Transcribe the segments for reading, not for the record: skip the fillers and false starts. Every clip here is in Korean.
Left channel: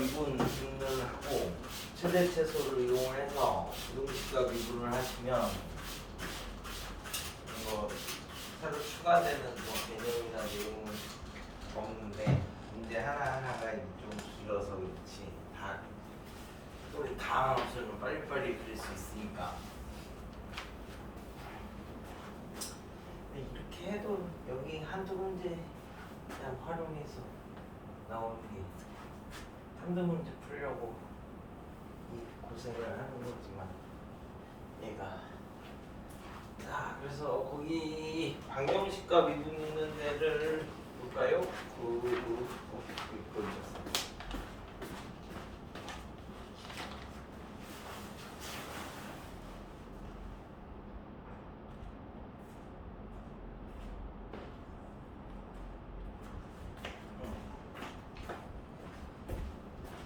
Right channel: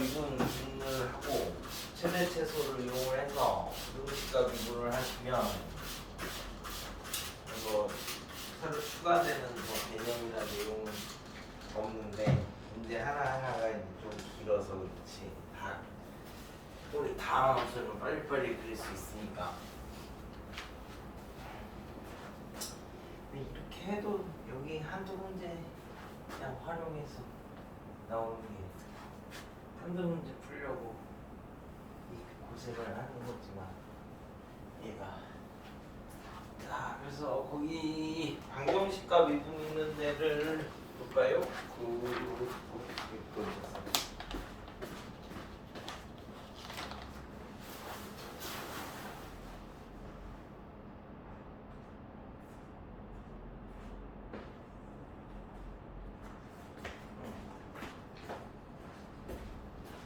이동식과 미분을 하고 최대 최소를 이용해서 이동식과 미분을 하시면 이거 새로 추가되는 뭐 개념이나 내용은 없는데 문제 하나하나가 이제 좀 길어서 그렇지 다 우리 다음 함수는 빨리빨리 그릴 수 있으니까 이렇게 해도 여기 한두 문제 그냥 활용해서 나오는 게 한두 문제 풀려고 이 고생을 하는 거지만 얘가 자 그래서 거기 방정식과 미분 있는 데를 볼까요?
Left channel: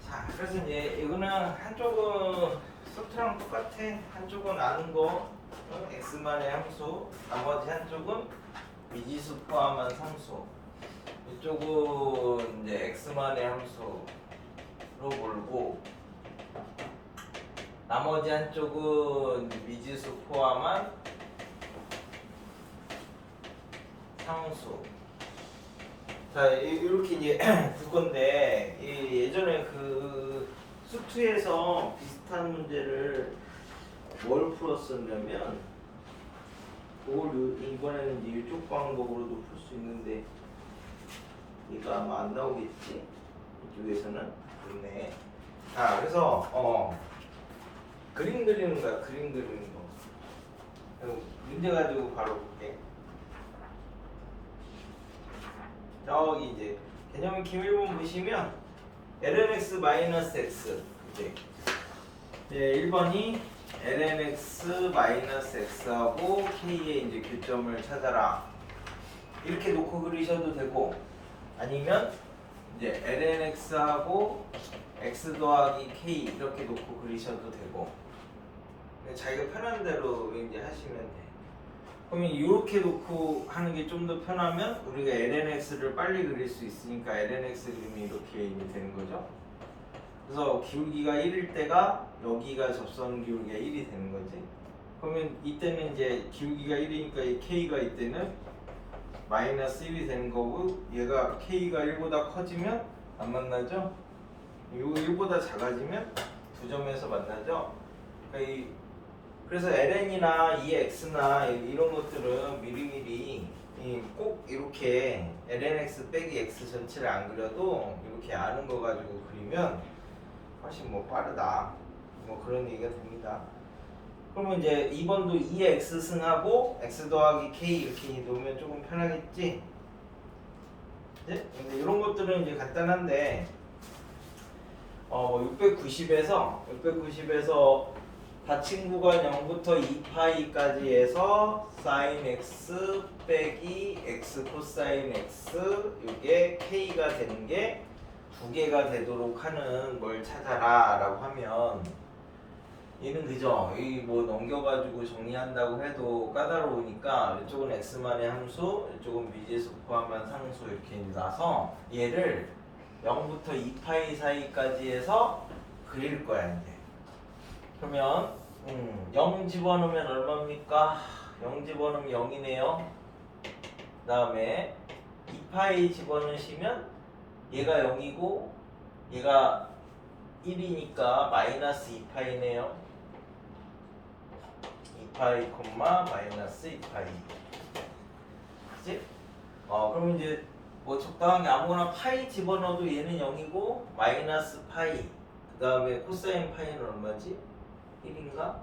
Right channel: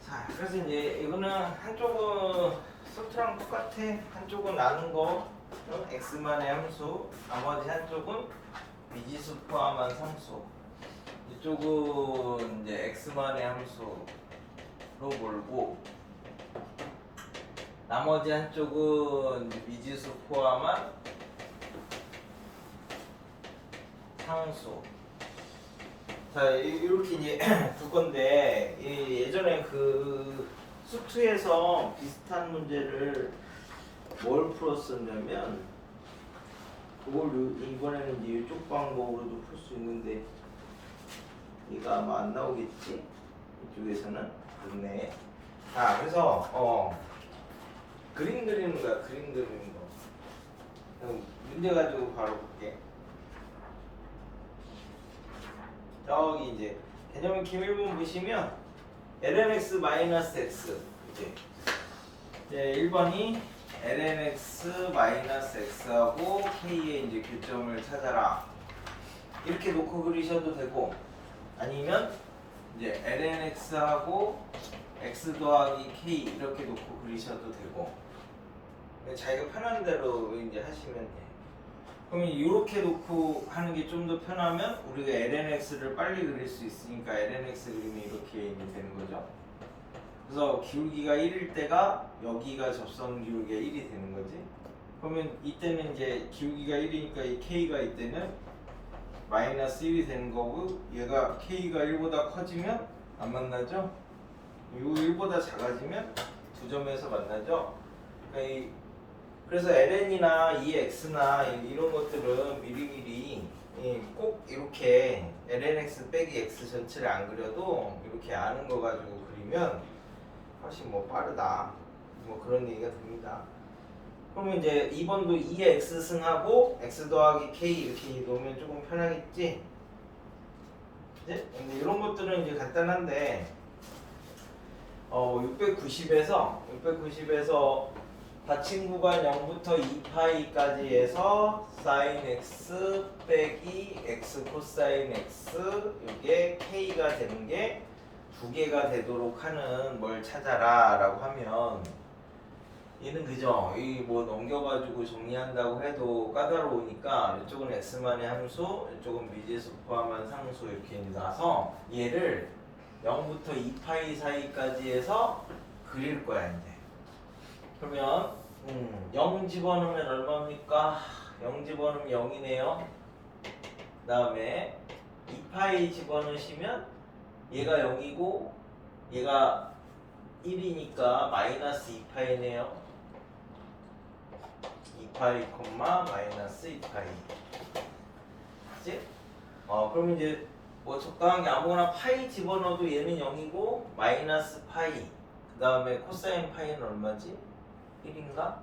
자 그래서 이제 이거는 한쪽은 썸트랑 똑같아. 한쪽은 아는 거 x만의 함수, 나머지 한쪽은 미지수 포함한 상수. 이쪽은 이제 x만의 함수로 몰고 나머지 한쪽은 미지수 포함한 상수. 자 이렇게 이제 두 건데 예전에 그 수투에서 비슷한 문제를 뭘 풀었었냐면 그걸 이번에는 이제 이쪽 방법으로도 풀 수 있는데 이거 아마 안 나오겠지? 이쪽에서는 그렇네. 자 그래서 그림 그리는 거야. 그림 그리는 거. 문제 가지고 바로 볼게. 저기 이제 개념 기밀본 보시면 lnx-x 이제 1번이 lnx-x하고 k의 이제 교점을 찾아라 이렇게 놓고 그리셔도 되고 아니면 이제 lnx하고 x 더하기 k 이렇게 놓고 그리셔도 되고 자기가 편한 대로 이제 하시면 돼. 그러면 이렇게 놓고 하는 게 좀 더 편하면 우리가 lnx를 빨리 그릴 수 있으니까 lnx 그림이 이렇게 되는 거죠. 그래서 기울기가 1일 때가 여기가 접선 기울기가 1이 되는 거지. 그러면 이때는 이제 기울기가 1이니까 이 k가 이때는 마이너스 1이 되는 거고 얘가 k가 1보다 커지면 안 만나죠? 이거 1보다 작아지면 두 점에서 만나죠? 그러니까 그래서 ln이나 이 x나 이런 것들은 미리미리 꼭 이렇게 lnx 빼기 x 전체를 안 그려도 이렇게 아는 거 가지고 그리면 훨씬 뭐 빠르다 뭐 그런 얘기가 됩니다. 그러면 이제 2번도 2의 x 승하고 x 더하기 k 이렇게 놓으면 조금 편하겠지? 네? 근데 이런 것들은 이제 간단한데 690에서 닫힌 구간 0부터 2파이까지 해서 sin x 빼기 x 코사인 x 이게 k가 되는 게 두 개가 되도록 하는 뭘 찾아라 라고 하면 얘는 그죠? 이 뭐 넘겨가지고 정리한다고 해도 까다로우니까 이쪽은 x만의 함수, 이쪽은 미지수 포함한 상수 이렇게 나서 얘를 0부터 2파이 사이까지 해서 그릴 거야 이제. 그러면 0 집어넣으면 얼마입니까? 0 집어넣으면 0이네요. 그 다음에 2파이 집어넣으시면 얘가 0이고 얘가 1이니까 마이너스 2파이네요. 2파이 콤마 마이너스 2파이. 그치? 그러면 이제 뭐 적당하게 아무거나 파이 집어넣어도 얘는 0이고 마이너스 파이 그 다음에 코사인 파이는 얼마지? 1인가?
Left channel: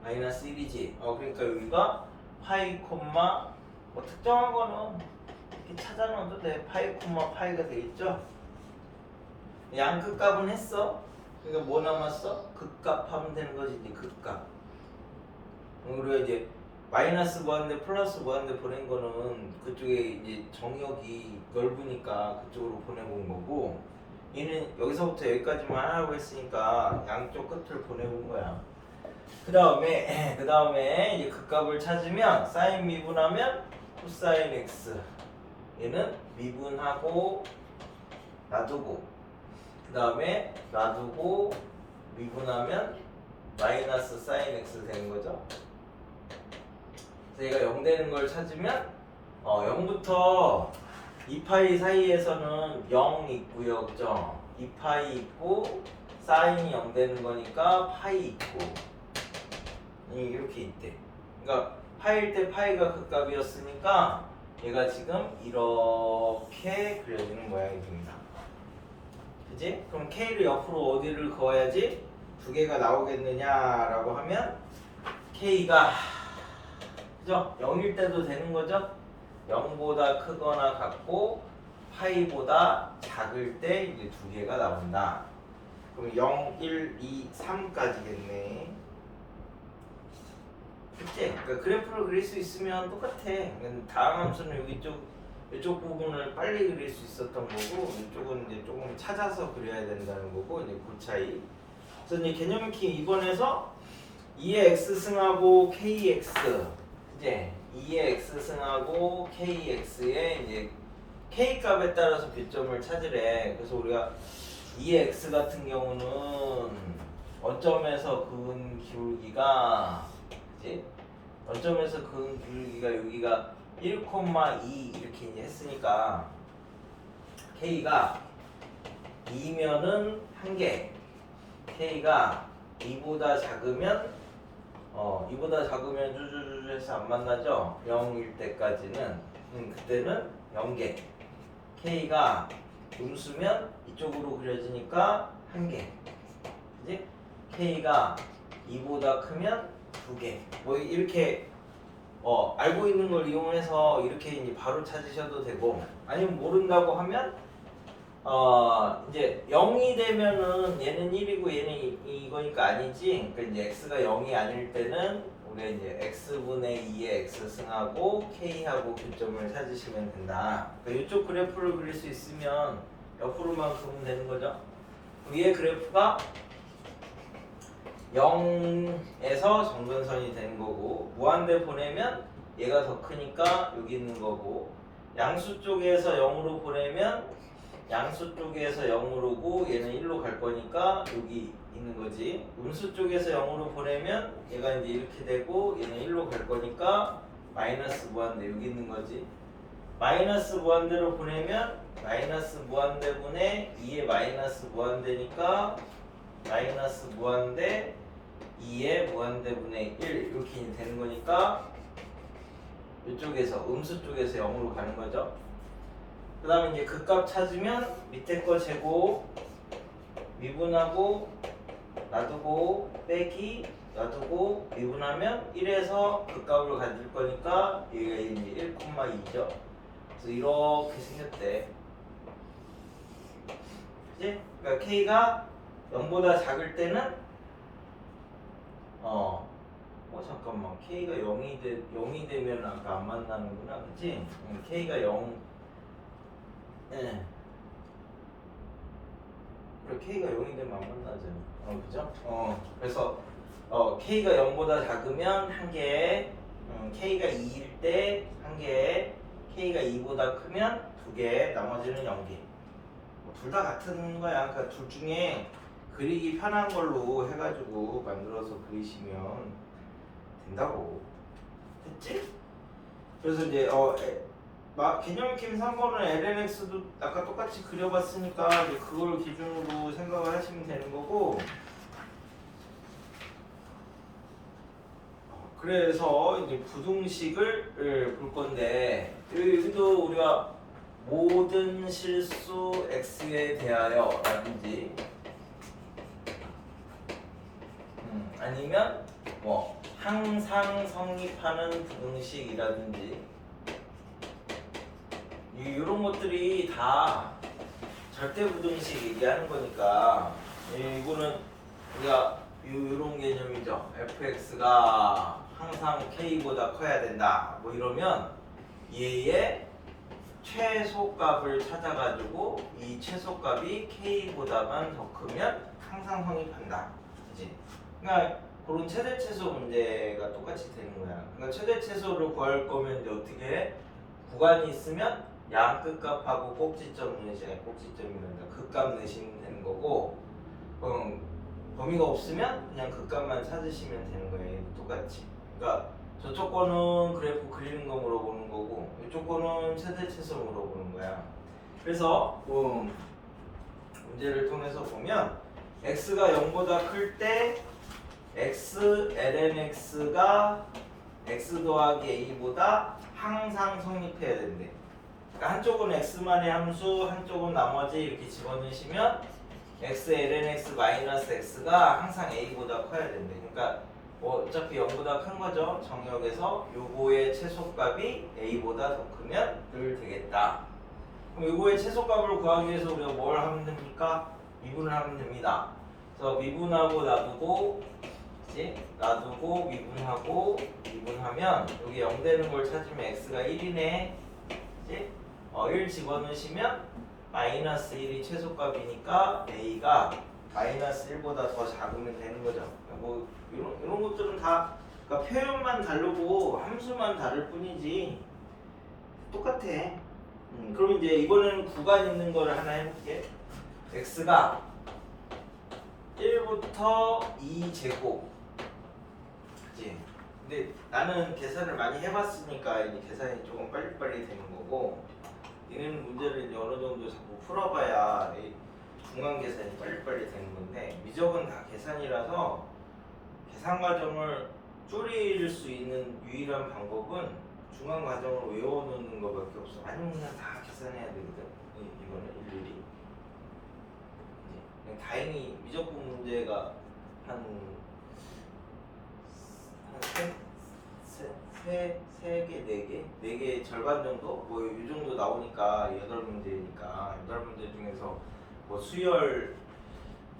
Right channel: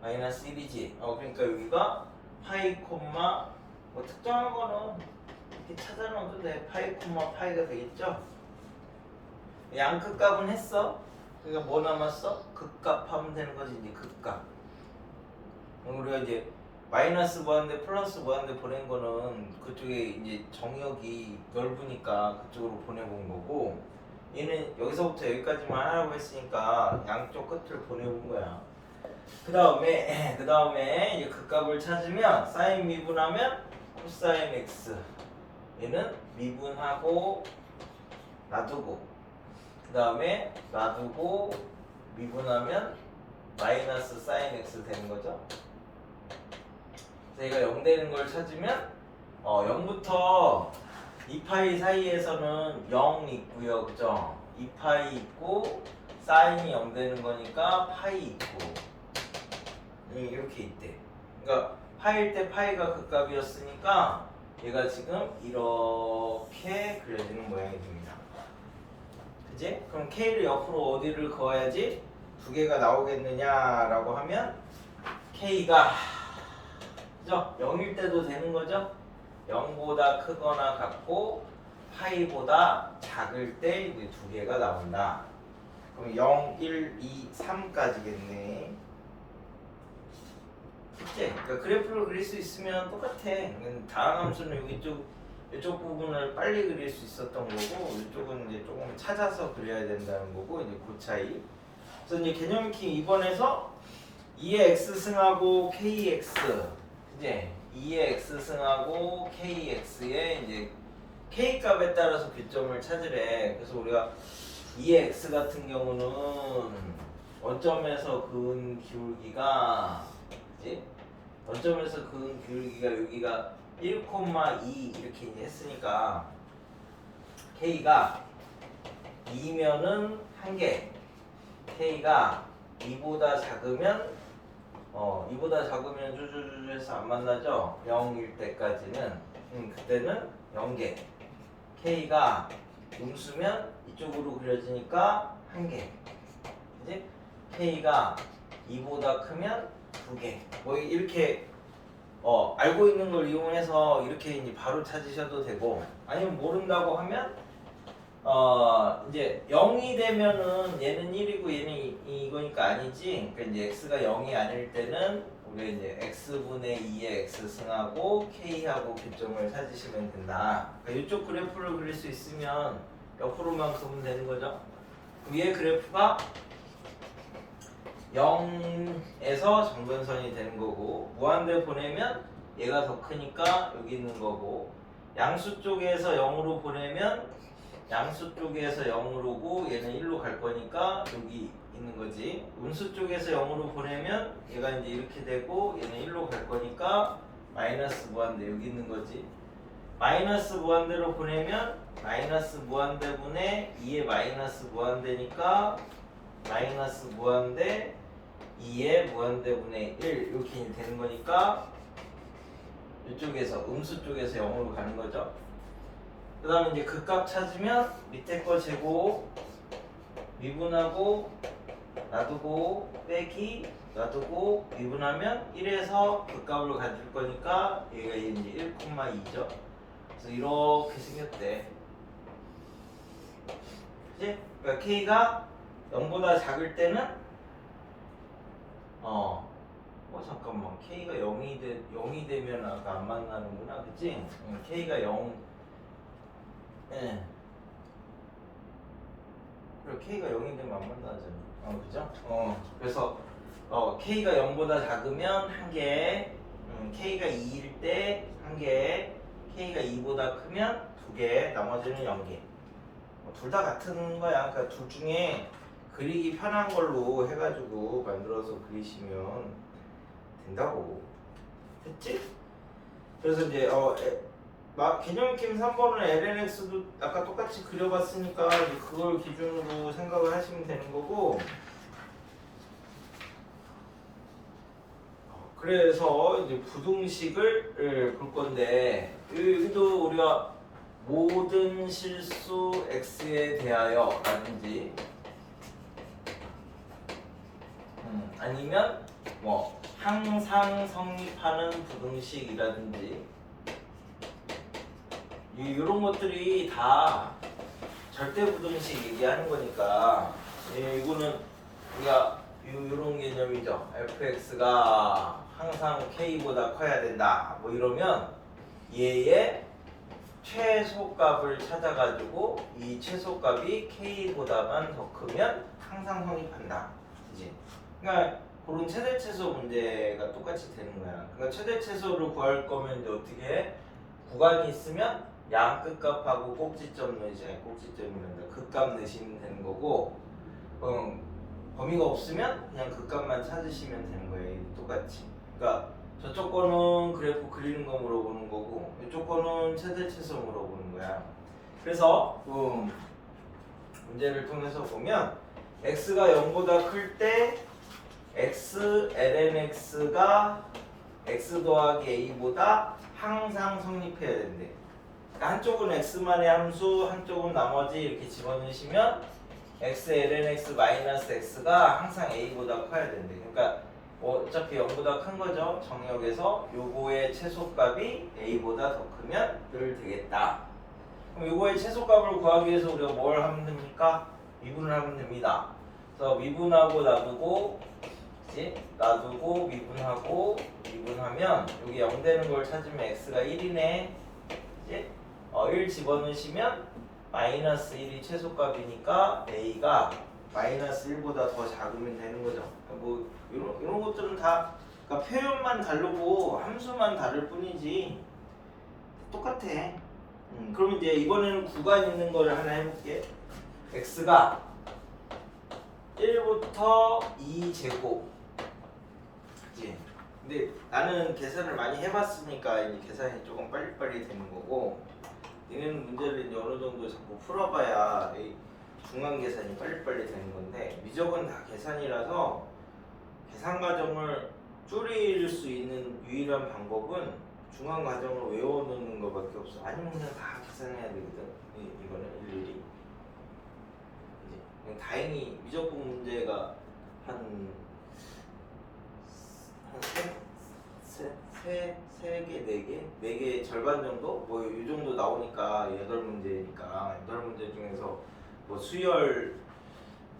마이너스 1이지. 그러니까 여기가 파이 콤마 뭐 특정한 거는 이렇게 찾아 넣어도 돼. 파이 콤마 파이가 되겠죠? 양 끝값은 했어. 그러니까 뭐 남았어? 극값 하면 되는 거지. 이제 극값. 우리가 이제 마이너스 뭐하는데 플러스 뭐하는데 보낸 거는 그쪽에 이제 정역이 넓으니까 그쪽으로 보내본 거고 얘는 여기서부터 여기까지만 하라고 했으니까 양쪽 끝을 보내본 거야. 그 다음에 이제 극값을 찾으면 사인 미분하면 코사인 x 얘는 미분하고 놔두고 그 다음에 놔두고 미분하면 마이너스 사인 x 되는 거죠. 그래서 얘가 0 되는 걸 찾으면 0부터 2파이 사이에서는 0 있고요, 그죠? 2파이 있고 사인이 0 되는 거니까 파이 있고 이렇게 있대. 그러니까 파일 때 파이가 극값이었으니까 얘가 지금 이렇게 그려지는 모양이 됩니다. 그지? 그럼 K를 옆으로 어디를 그어야지 두 개가 나오겠느냐라고 하면 K가 그죠? 0일 때도 되는 거죠? 0보다 크거나 같고 파이보다 작을 때 이제 두 개가 나온다. 그럼 0, 1, 2, 3까지겠네. 그치? 그러니까 그래프를 그릴 수 있으면 똑같아. 다음 함수는 여기 이쪽 부분을 빨리 그릴 수 있었던 거고 이쪽은 이제 조금 찾아서 그려야 된다는 거고 이제 그 차이. 그래서 이제 개념 키 2번에서 2의 x 승하고 kx 이제 2의 x 승하고 kx의 이제 k 값에 따라서 교점을 찾으래. 그래서 우리가 2의 x 같은 경우는 원점에서 그은 기울기가 그지? 원점에서 그은 기울기가 여기가 1,2 이렇게 이제 했으니까 k가 2면은 1개, k가 2보다 작으면 2보다 작으면 쭈쭈쭈 해서 안 만나죠? 0일 때까지는 그때는 0개, k가 음수면 이쪽으로 그려지니까 1개, 그지? k가 2보다 크면 2개. 뭐 이렇게 알고 있는 걸 이용해서 이렇게 이제 바로 찾으셔도 되고, 아니면 모른다고 하면 이제 0이 되면은 얘는 1이고 얘는 이거니까 아니지. 그러니까 이제 x가 0이 아닐 때는 우리가 이제 x분의 2의 x 승하고 k하고 교점을 찾으시면 된다. 그러니까 이쪽 그래프를 그릴 수 있으면 옆으로만 그으면 되는 거죠. 위에 그래프가 0에서 정근선이 되는 거고, 무한대 보내면 얘가 더 크니까 여기 있는 거고, 양수 쪽에서 0으로 보내면 양수 쪽에서 0으로고 얘는 1로 갈 거니까 여기 있는 거지. 음수 쪽에서 0으로 보내면 얘가 이제 이렇게 되고 얘는 1로 갈 거니까 마이너스 무한대 여기 있는 거지. 마이너스 무한대로 보내면 마이너스 무한대분의 2의 마이너스 무한대니까 마이너스 무한대 2의 무한대분의 1 이렇게 되는 거니까 이쪽에서 음수 쪽에서 0으로 가는 거죠. 그 다음에 이제 극값 찾으면 밑에 거 제곱 미분하고 놔두고 빼기 놔두고 미분하면 1에서 극값을 가질 거니까 여기가 이제 1,2죠. 그래서 이렇게 생겼대. 그치? 그러니까 K가 0보다 작을 때는 잠깐만, K가 0이 되면 아까 안 만나는구나, 그치? K가 0 예. 그래, K가 0이 되면 안 만나잖아. 그죠? 그래서 K가 0보다 작으면 1개, K가 2일 때 1개, K가 2보다 크면 2개, 나머지는 0개. 둘 다 같은 거야. 그러니까 둘 중에 그리기 편한 걸로 해가지고 만들어서 그리시면 된다고. 됐지? 그래서 이제 개념킴 3번은 LNX도 아까 똑같이 그려봤으니까 이제 그걸 기준으로 생각을 하시면 되는 거고, 그래서 이제 부등식을 볼 건데 여기도 우리가 모든 실수 x에 대하여 라든지 아니면 뭐 항상 성립하는 부등식이라든지 이런 것들이 다 절대 부등식 얘기하는 거니까 이거는 우리가 이런 개념이죠. fx가 항상 k보다 커야 된다 뭐 이러면 얘의 최소값을 찾아가지고 이 최소값이 k보다만 더 크면 항상 성립한다. 그치? 그러니까 그런 최대 최소 문제가 똑같이 되는 거야. 그러니까 최대 최소를 구할 거면 이제 어떻게 해? 구간이 있으면 양 끝값하고 꼭지점 넣으시면 꼭지점이란다. 극값 넣으시면 되는 거고 범위가 없으면 그냥 극값만 찾으시면 되는 거예요. 똑같이. 그러니까 저쪽 거는 그래프 그리는 거 물어보는 거고 이쪽 거는 최대 최소 물어보는 거야. 그래서 문제를 통해서 보면 x가 0보다 클 때 x lnx가 x 더하기 a보다 항상 성립해야 된대. 그러니까 한쪽은 x만의 함수, 한쪽은 나머지 이렇게 집어넣으시면 x lnx 마이너스 x가 항상 a보다 커야 된대. 그러니까 어차피 0보다 큰 거죠. 정역에서 요거의 최소값이 a보다 더 크면 늘 되겠다. 그럼 요거의 최소값을 구하기 위해서 우리가 뭘 하면 됩니까? 미분을 하면 됩니다. 그래서 미분하고 놔두고 미분하고 미분하면 여기 0 되는 걸 찾으면 x가 1이네. 이제 1 집어넣으시면 마이너스 1이 최소값이니까 a가 마이너스 1보다 더 작으면 되는 거죠. 뭐 이런 것들은 다 그러니까 표현만 다르고 함수만 다를 뿐이지 똑같아. 그럼 이제 이번에는 구간 있는 걸 하나 해볼게. x가 1부터 2제곱. 그치? 근데 나는 계산을 많이 해봤으니까 이제 계산이 조금 빨리빨리 되는 거고 얘는 문제를 이제 어느 정도 자꾸 풀어봐야 중간 계산이 빨리빨리 되는 건데 미적은 다 계산이라서 계산 과정을 줄일 수 있는 유일한 방법은 중간 과정을 외워놓는 것밖에 없어. 아니면 그냥 다 계산해야 되거든. 이거는 일일이. 다행히 미적분 문제가 세 개, 네 개 절반 정도? 뭐 이 정도 나오니까 8문제니까 8문제 중에서 뭐 수열,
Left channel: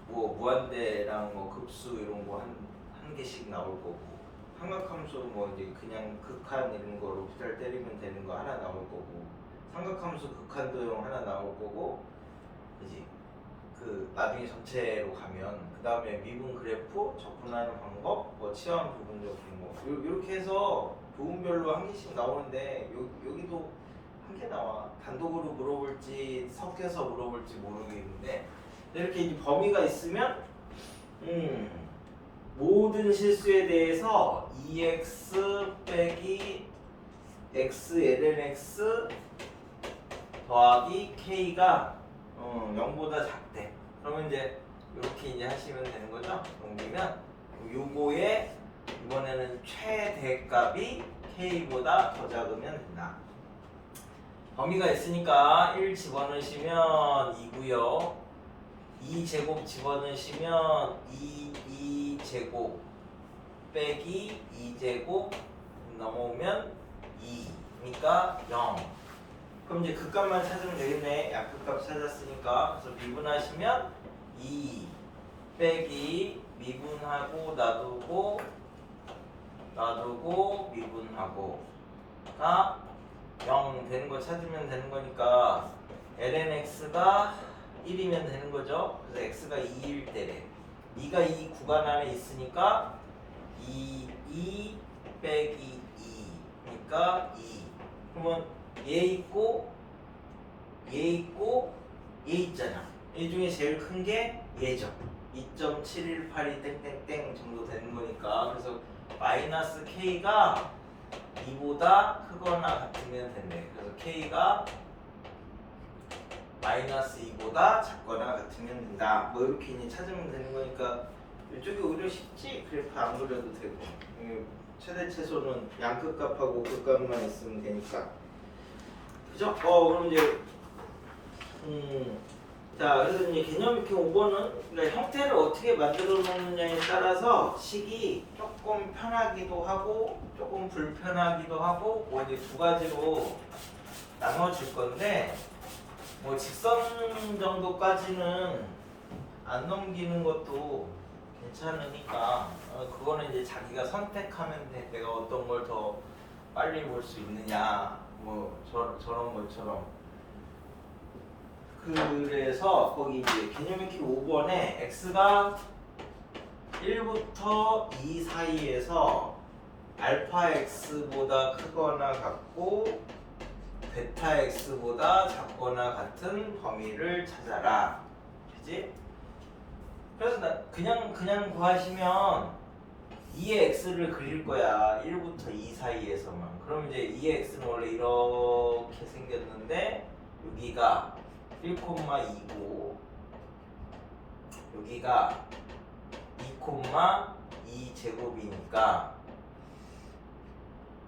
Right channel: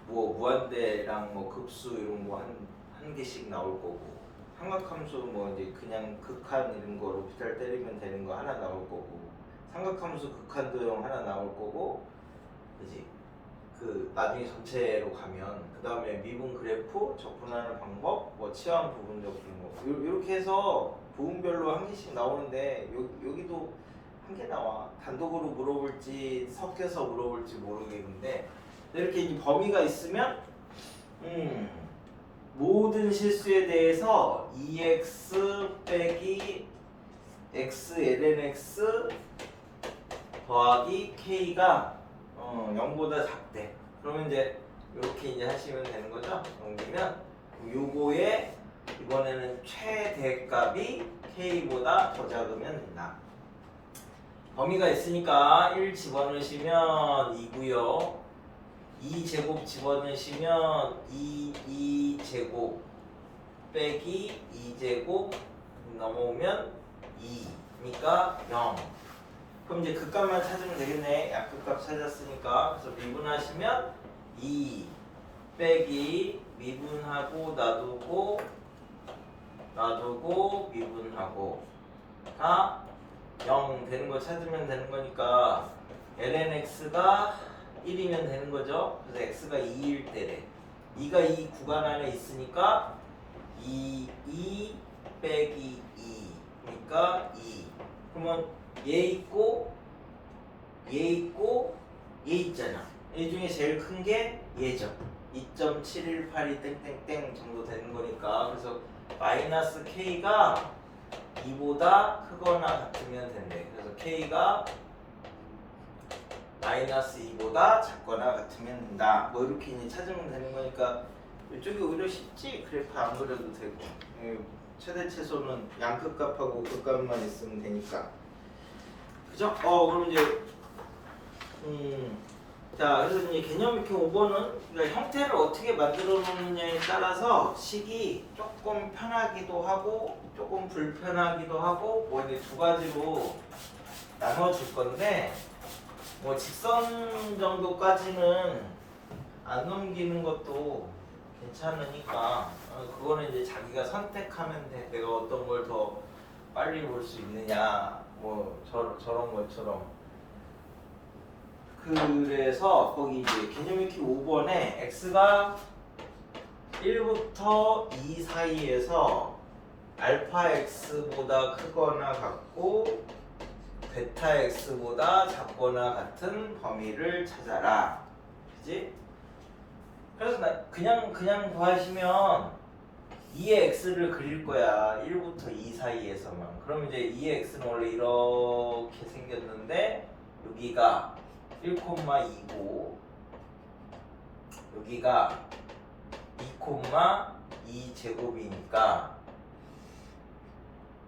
뭐 무한대랑 뭐 급수 이런 거 한 개씩 나올 거고 삼각함수 뭐 이제 그냥 극한 이런 거 로피탈 때리면 되는 거 하나 나올 거고 삼각함수 극한 도형 하나 나올 거고 이제 그 나중에 전체로 가면 그 다음에 미분 그래프 접근하는 방법 뭐 치환 부분 접근 뭐 이렇게 해서 부분별로 한 개씩 나오는데 여기도 한 개 나와. 단독으로 물어볼지 섞여서 물어볼지 모르겠는데 이렇게 이제 범위가 있으면 모든 실수에 대해서 2x 빼기 x lnx 더하기 k가 0보다 작대. 그러면 이제 이렇게 이제 하시면 되는 거죠. 넘기면 요거의 이번에는 최대값이 k보다 더 작으면 된다. 범위가 있으니까 1 집어넣으시면 2고요. 2제곱 집어넣으시면 2제곱 빼기 2제곱 넘어오면 2니까 0. 그럼 이제 극값만 찾으면 되겠네. 약극값 찾았으니까. 그래서 미분하시면 2 빼기 미분하고 놔두고 미분하고 다 0 되는 거 찾으면 되는 거니까 lnx가 1이면 되는 거죠. 그래서 x가 2일 때래. 2가 이 구간 안에 있으니까 2 빼기 2니까 2. 그러면 얘 있고 얘 있잖아. 얘 중에 제일 큰 게 얘죠. 2.718이 땡땡땡 정도 되는 거니까. 그래서 마이너스 k가 2보다 크거나 같으면 된대. 그래서 k가 마이너스 2보다 작거나 같으면 된다. 뭐 이렇게 이제 찾으면 되는 거니까 이쪽이 오히려 쉽지. 그래프 안 그려도 되고 최대 최소는 양극값하고 극값만 있으면 되니까. 그죠? 그럼 이제 자, 그래서 이제 개념 익히 5번은 그러니까 형태를 어떻게 만들어 놓느냐에 따라서 식이 조금 편하기도 하고 조금 불편하기도 하고 뭐 이제 두 가지로 나눠질 건데 뭐 직선 정도까지는 안 넘기는 것도 괜찮으니까 그거는 이제 자기가 선택하면 돼. 내가 어떤 걸 더 빨리 볼 수 있느냐 뭐 저런 것처럼. 그래서 거기 이제 개념 익히 5번에 x가 1부터 2 사이에서 알파 x보다 크거나 같고 베타 x보다 작거나 같은 범위를 찾아라. 그지? 그래서 그냥 구하시면 2의 x를 그릴 거야. 1부터 2 사이에서만. 그럼 이제 2의 x는 원래 이렇게 생겼는데 여기가 1,2고 여기가 2,2 제곱이니까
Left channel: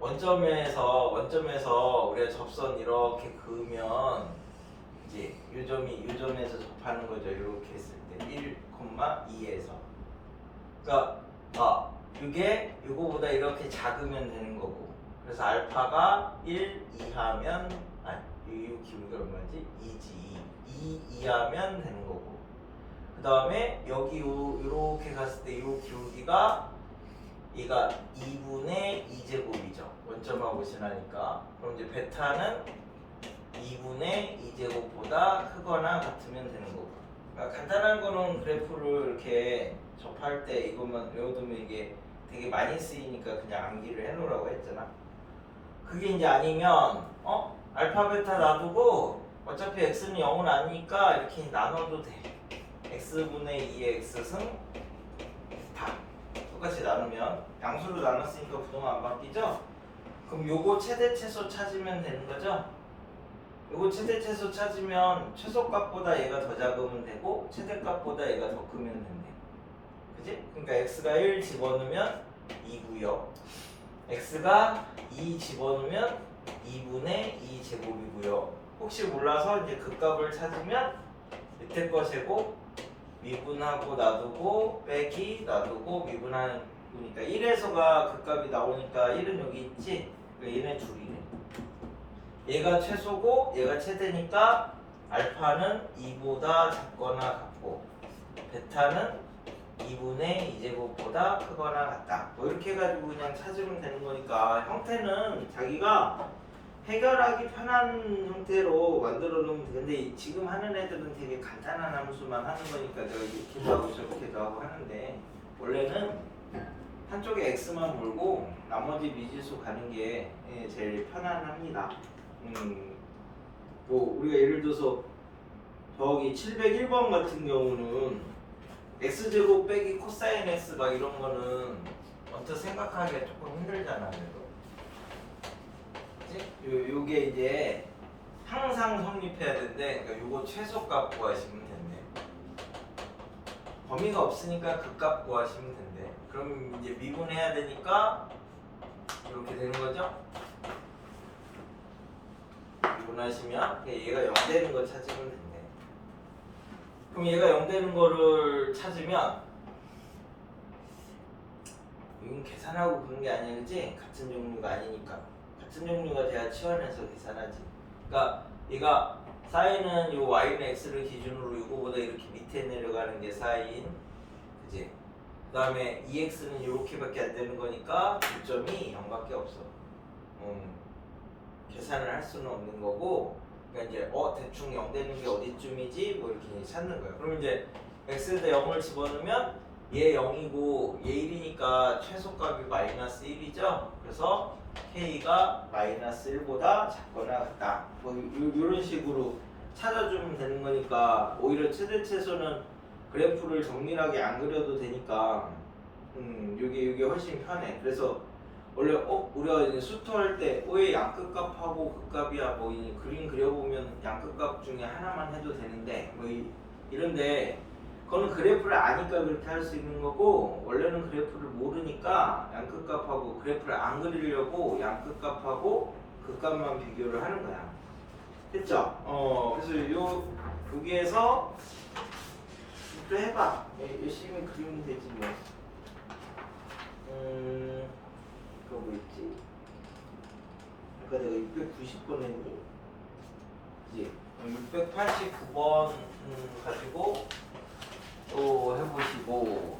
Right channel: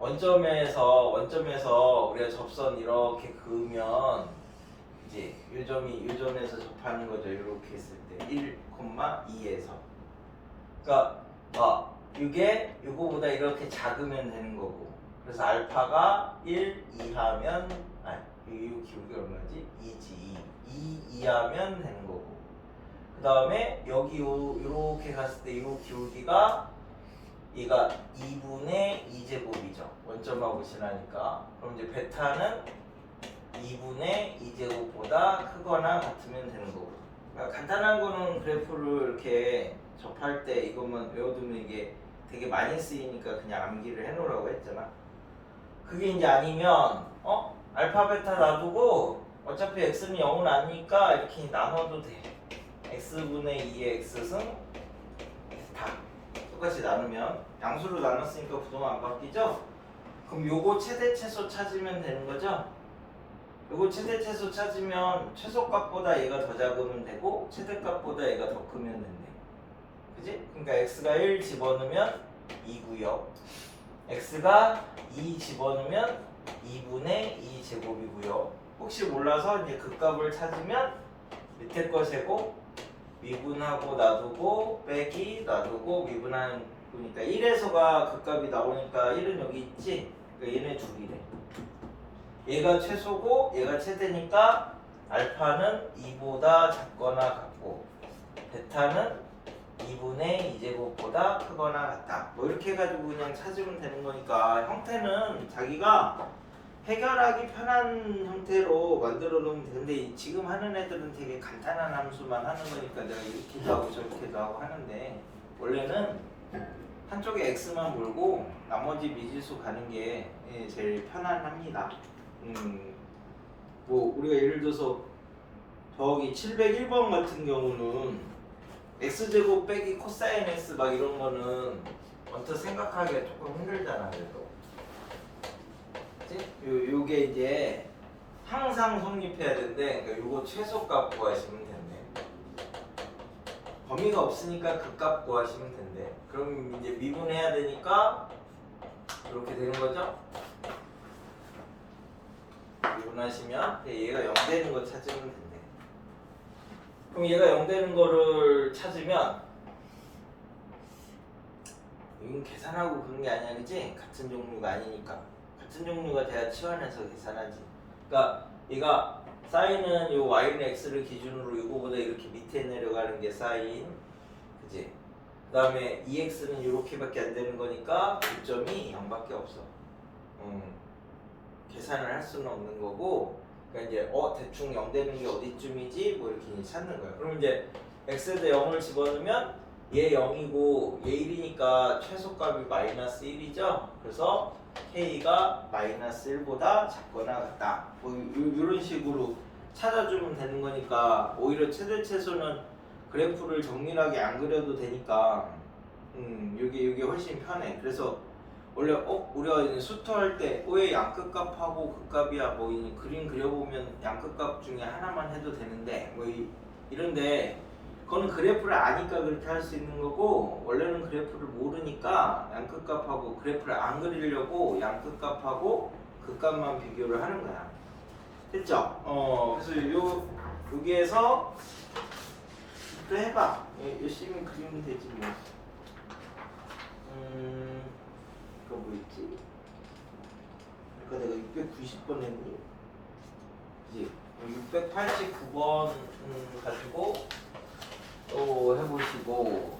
원점에서 우리가 접선 이렇게 그으면 이제 요점에서 접하는 거죠. 이렇게 했을 때 1,2에서 그러니까 이게 이거보다 이렇게 작으면 되는 거고 그래서 알파가 1 이하면 이 기울기 얼마지? 2지 2 이하면 되는 거고 그 다음에 여기 이렇게 갔을 때 이 기울기가 얘가 2분의 2제곱이죠. 원점하고 지나니까. 그럼 이제 베타는 2분의 2제곱보다 크거나 같으면 되는 거고. 그러니까 간단한 거는 그래프를 이렇게 접할 때 이것만 외워두면 이게 되게 많이 쓰이니까 그냥 암기를 해놓으라고 했잖아. 그게 이제 아니면 알파 베타 놔두고 어차피 x는 0은 아니니까 이렇게 나눠도 돼. x분의 2의 x승 다 똑같이 나누면 양수로 나눴으니까 부동은 안 바뀌죠? 그럼 요거 최대 최소 찾으면 되는 거죠? 요거 최대 최소 찾으면 최소값보다 얘가 더 작으면 되고 최대값보다 얘가 더 크면 된대. 그지? 그러니까 x가 1 집어넣으면 2고요. x가 2 집어넣으면 2분의 2 제곱이고요. 혹시 몰라서 이제 그 값을 찾으면 밑에 거 세고 미분하고 놔두고 빼기 놔두고 미분하는 거니까 1에서가 그 값이 나오니까 1은 여기 있지? 그러니까 얘네 둘이네. 얘가 최소고 얘가 최대니까 알파는 2보다 작거나 같고 베타는 2분의 2제곱보다 크거나 같다. 뭐 이렇게 해가지고 그냥 찾으면 되는 거니까 형태는 자기가 해결하기 편한 형태로 만들어 놓으면 되는데 지금 하는 애들은 되게 간단한 함수만 하는 거니까 내가 이렇게도 하고 저렇게도 하고 하는데 원래는 한쪽에 x만 몰고 나머지 미지수 가는 게 제일 편안합니다. 뭐 우리가 예를 들어서 저기 701번 같은 경우는 x제곱 빼기 코사인 x 막 이런 거는 언뜻 생각하기가 조금 힘들잖아. 요게 이제 항상 성립해야 되는데 그러니까 요거 최소값 구하시면 된대. 범위가 없으니까 그 값 구하시면 된대. 그럼 이제 미분해야 되니까 이렇게 되는 거죠. 미분하시면 얘가 0 되는 거 찾으면 된대. 그럼 얘가 0 되는 거를 찾으면 이건 계산하고 그런 게 아니야, 그치? 같은 종류가 아니니까. 같은 종류가 돼야 치환해서 계산하지. 그러니까 얘가 사인은 요 y는 x를 기준으로 이거보다 이렇게 밑에 내려가는 게 사인, 그지? 그 다음에 2x는 이렇게밖에 안 되는 거니까 교점이 0밖에 없어. 계산을 할 수는 없는 거고, 그러니까 이제 대충 0 되는 게 어디쯤이지? 뭐 이렇게 찾는 거야. 그러면 이제 x에다 0을 집어넣으면 얘 0이고 얘 1이니까 최소값이 마이너스 1이죠? 그래서 k가 마이너스 1보다 작거나 같다. 뭐 이런 식으로 찾아주면 되는 거니까 오히려 최대 최소는 그래프를 정밀하게 안 그려도 되니까 이게 훨씬 편해. 그래서 원래 우리가 이제 수토할 때 O의 양끝값하고 극값이야 뭐 그림 그려보면 양끝값 중에 하나만 해도 되는데 뭐 이런데 그거는 그래프를 아니까 그렇게 할 수 있는 거고 원래는 그래프를 모르니까 양끝값하고 그래프를 안 그리려고 양끝값하고 극값만 비교를 하는 거야. 됐죠? 그래서 여기에서 또 해봐. 열심히 그리면 되지 뭐. 그거 뭐 있지? 아까 내가 690번 했는데 이제 689번 가지고 또 해보시고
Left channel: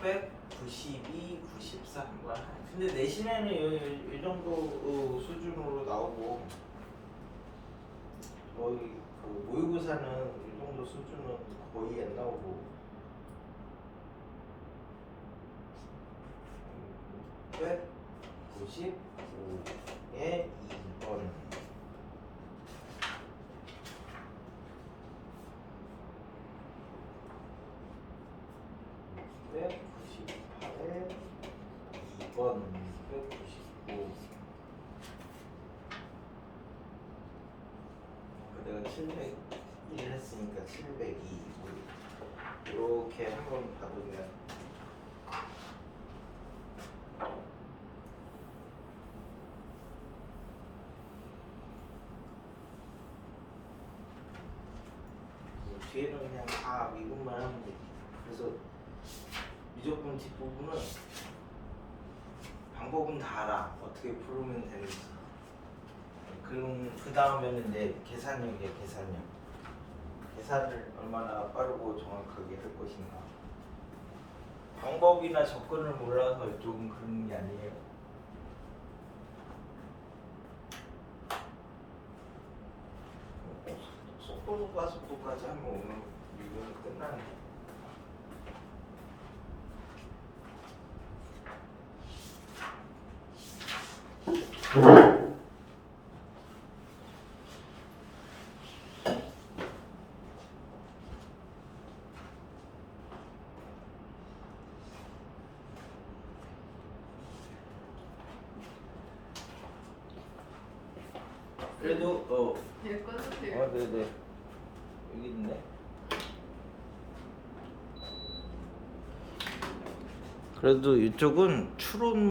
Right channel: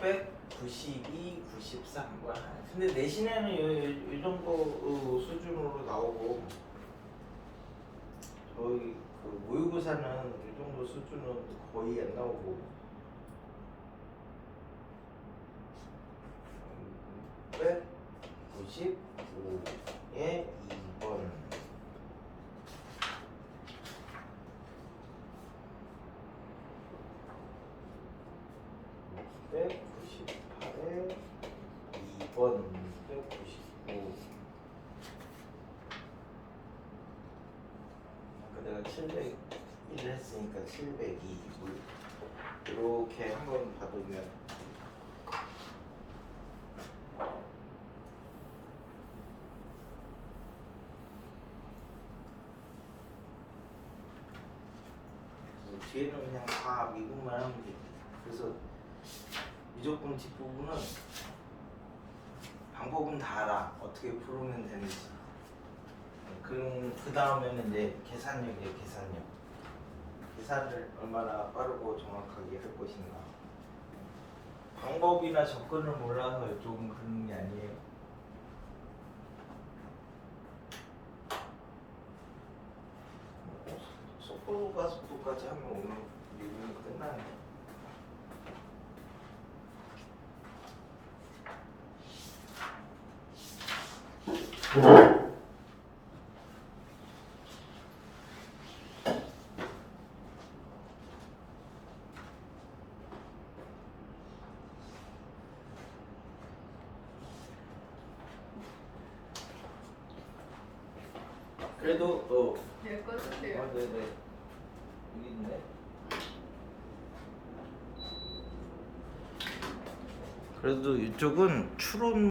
백 92, 93번. 근데 내신에는 이 정도 수준으로 나오고 저희 그 모의고사는 이 정도 정도 수준은 거의 안 나오고 195에 2번 198에 2번 199 내가 701 했으니까 702 이렇게 한번 받으면 뒤에는 그냥 다 미분만 하면 돼. 그래서 미적분 뒷부분은 방법은 다 알아. 어떻게 풀으면 되는지. 그럼 그 다음에는 이제 계산력이야. 계산력. 계산을 얼마나 빠르고 정확하게 할 것인가. 방법이나 접근을 몰라서 이쪽은 그런 게 아니에요. 속도가 속도까지 하면 오늘 이거는 끝나네. 그래도 될 것 같아요. 네네 여기 있네. 그래도 이쪽은 추론